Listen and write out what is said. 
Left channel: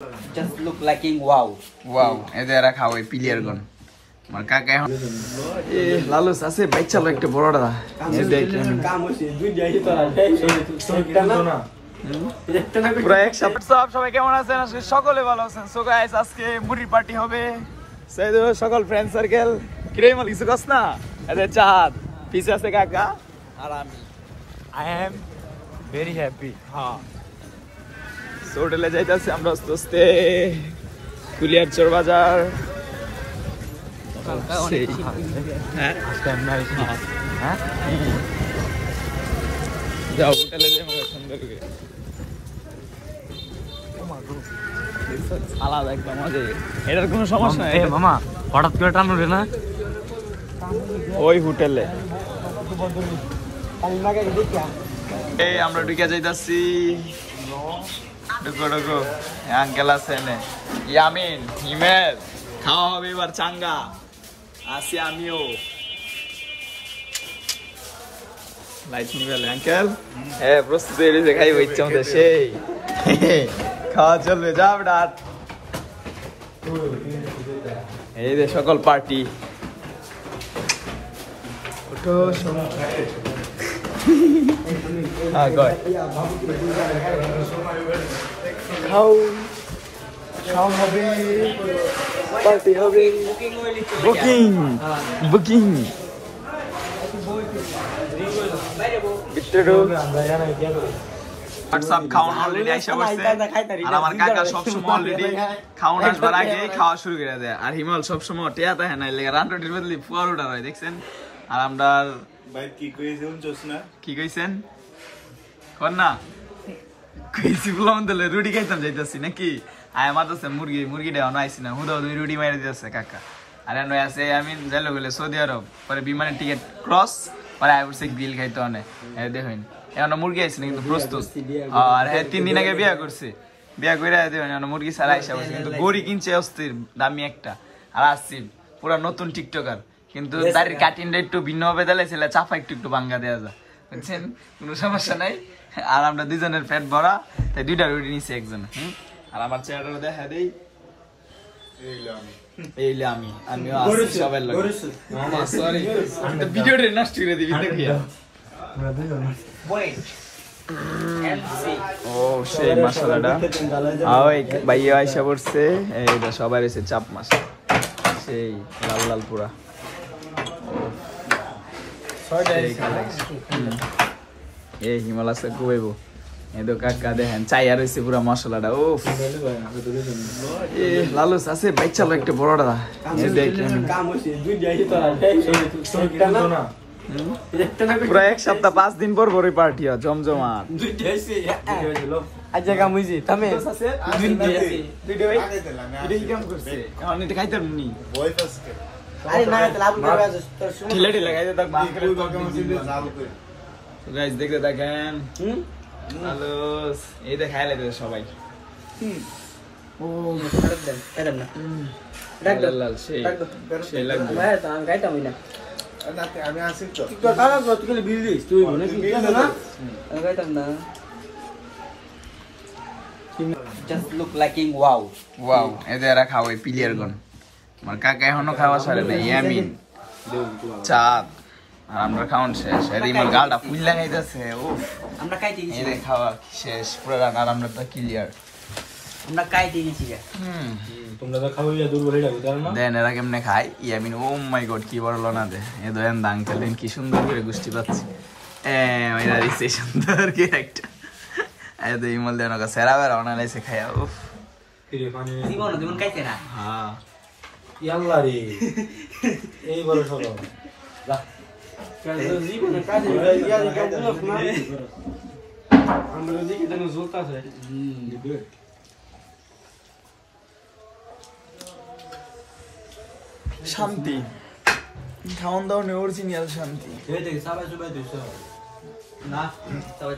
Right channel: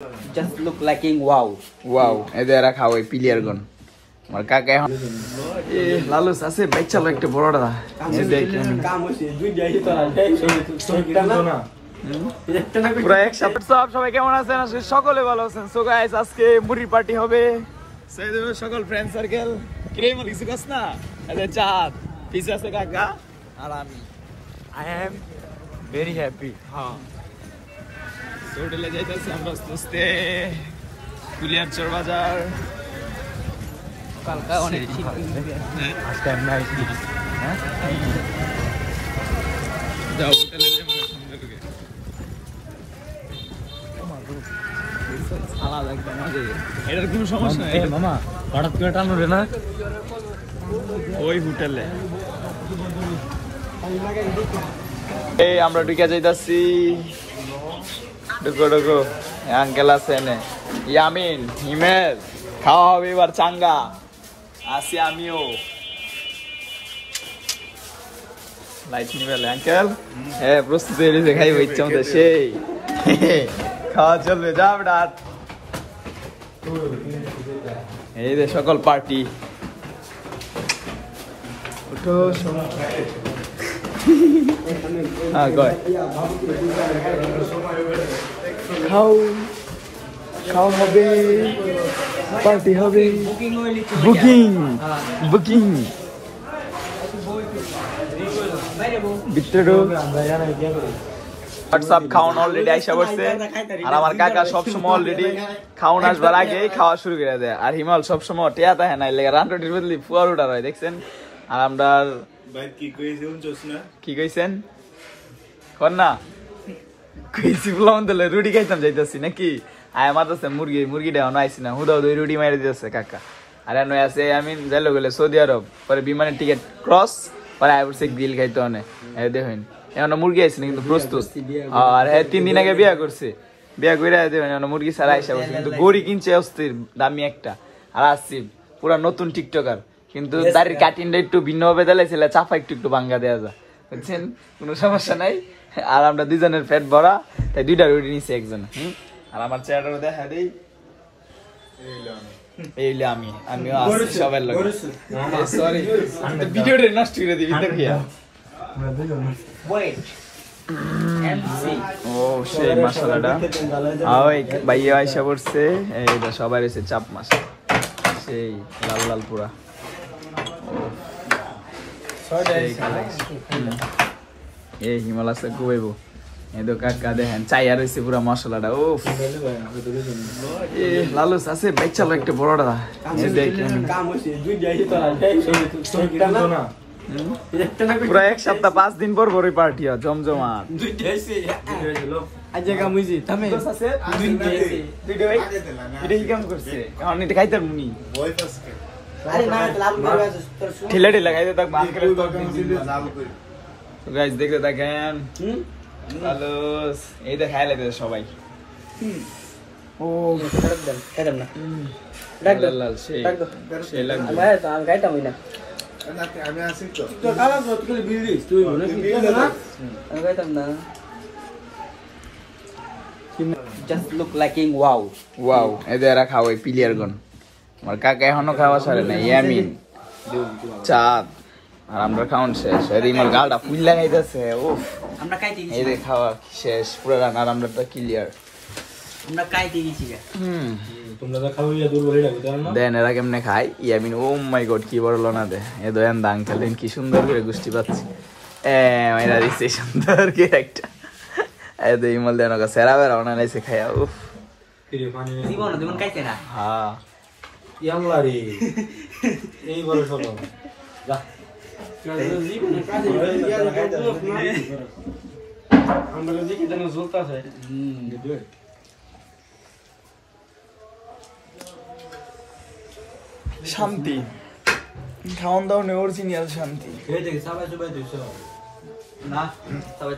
Just look like wow. Wow, এদের রাখা ওই প্লেয়ার গুণ আর কাকা এখন এ লালুস আছে বাইক চালানো একটা বড়টা কাম হচ্ছে দুই যাই তো পুরো এক সপ্তাহ সবাই কেমন আছেন সকলে ভালো আছেন সো গাইস আজকে মুড়ি পার্টি হবে সাইদো সকল ফ্রেন্ড সার্কেল কিরে মাল কিছু কস না এদের চাঁদ পিছে আছে কাকা আর আমি আই এম ভেরি হ্যাপি হ্যাঁ হোটেলে যাইতাছি আমরা আস্তে কুলিয়ার চোর বাজার কালকা অনেক হ্যাঁ আজকে আমরা হ্যাঁ যাও হোটেলে যাই আমরা সুন্দর করে আলাদা একটা মজা এটার কোনো সমস্যা নাই মামা হঠাৎ করে টানবে না ওই হোটেলে এই আমরা ঢুকে যাইতাছি ঢুকো আঙ্কেল আছে এনে ইয়ামিন হিমেল খাওয়া হবে এবার চাঙ্গা আসি আমিও লাইট নিবেল আঙ্কেল হ্যাঁ বুঝতে পেরেছি খাই হচ্ছে সেই খাওয়া চলবে যা রাত এই রে সকল পার্টি পার্টি হবে বুকিং হোয়াটসঅ্যাপ খাওয়ান অলরেডি আইসা বসছে আর আমার কাকা সবসময় অলরেডি খাওয়ান আসবার আগে খাওয়া শুরু করে দেয় আর হিমাল সবসময় টিয়া থাকে না লেগে রান্নাটির বদলি ফুয়ার উঠার হয় দেখছেন আর আমরা কি কইছেন না কইছি বললাম তাহলে রুটি খাইতাম যাইতেছি নাকি আয় মাতাছে মুরগিটা এখন আইসি না হুদা হুদা রুটি মারি দিতেছে কাকা আর এখন আছে আমি যাইলো গেলে সৌদি আরব পরে বিমানের টিকিট ক্রস পরে আয় বসে গ্রিল খাইতে অনেক দেখেন এখন মুরগি আইসি না কিন্তু প্রস্তুত আর 3 দিন আগে বিয়া করছে বিয়া করে মুরগি ছাড়া আইসা বসে কিন্তু গড়ি কিনছে অস্থির দামি একটা আর আসছি পুরা নতুন টিকটকার কিন্তু দাড়ির কাটিংটা একটু ভিন্ন ভাবে দিলে চাপা একটু ভাঙ্গা দেওয়া যায় বুঝছেন কোনো সমস্যা নাই আর আমরা দুজনের পেট ভরা তাই দুইটা রুটি নিছি একজন আর আমার চেহারা দেখা দেই এইলে আমিও আসছি সবার লগে সরি আমি ভিডিওটা নষ্ট করে দিবি দেখি ওয়েট এমসি ভাইয়া আইসা পড়ছে এইটা সবাই এসে চাপ মাছ সেই লাল লাল পুরা এই হিমাল আছে খুবই এতো কাকা দেখেন চাই আর হয়েছে পুরা মশলাটা ও লালুস আছে বাইক চালানো একটা বড়টা পুরা এক সপ্তাহ 5 দিন পর পরে পার্টি হয় জমজমাট খাইতার মুনি ঠেলা ঠেলা খাইতে থাক গাইজ দেখতে থাকেন এই দেখ খাই লাগে সবাই ও লাল সেই লাগবে আমি আসি তো তুই খাইতাম না just look like wow এদের রাখা ওই প্লেয়ার গুণ আর কাকা এখনো খাওয়া সরে নেই ইয়ামিন চাঁদ আমরা খাওয়ান শেষ এদিন গালটা ফুল্লা খাইতেছে আমরা খাইতে গেছি এদের খাওয়া শেষ পুরো আর আমরা তো ক্লিয়ার আমরা খাইতে গেছি তোমরা তো খাওয়া দূর বলে যাবে তার না দেন এরা কেমনে খাই ইয়ামিন ও মাই গড কি বড় লোনা দে এ দয়ান আঙ্কেল দেন কি সুন্দর করে গুষ্টি পাচ্ছে মাইরা দিচ্ছে সুন্দর কি একটা এদ ইমল দেন ওকে সেরা বেরা ওনা নাইছে খায়া উফ কিরে পানি জীবন খাইতে না হ্যাঁ ইয়াল্লা রে এই বড় সরো যা জীবন কাজে আমরা দিকে দেন ঝুলতাছে শান্তি খাওয়ান দাওয়ানে অরিজিনাল শান্তি সবাই দিছো না সবাই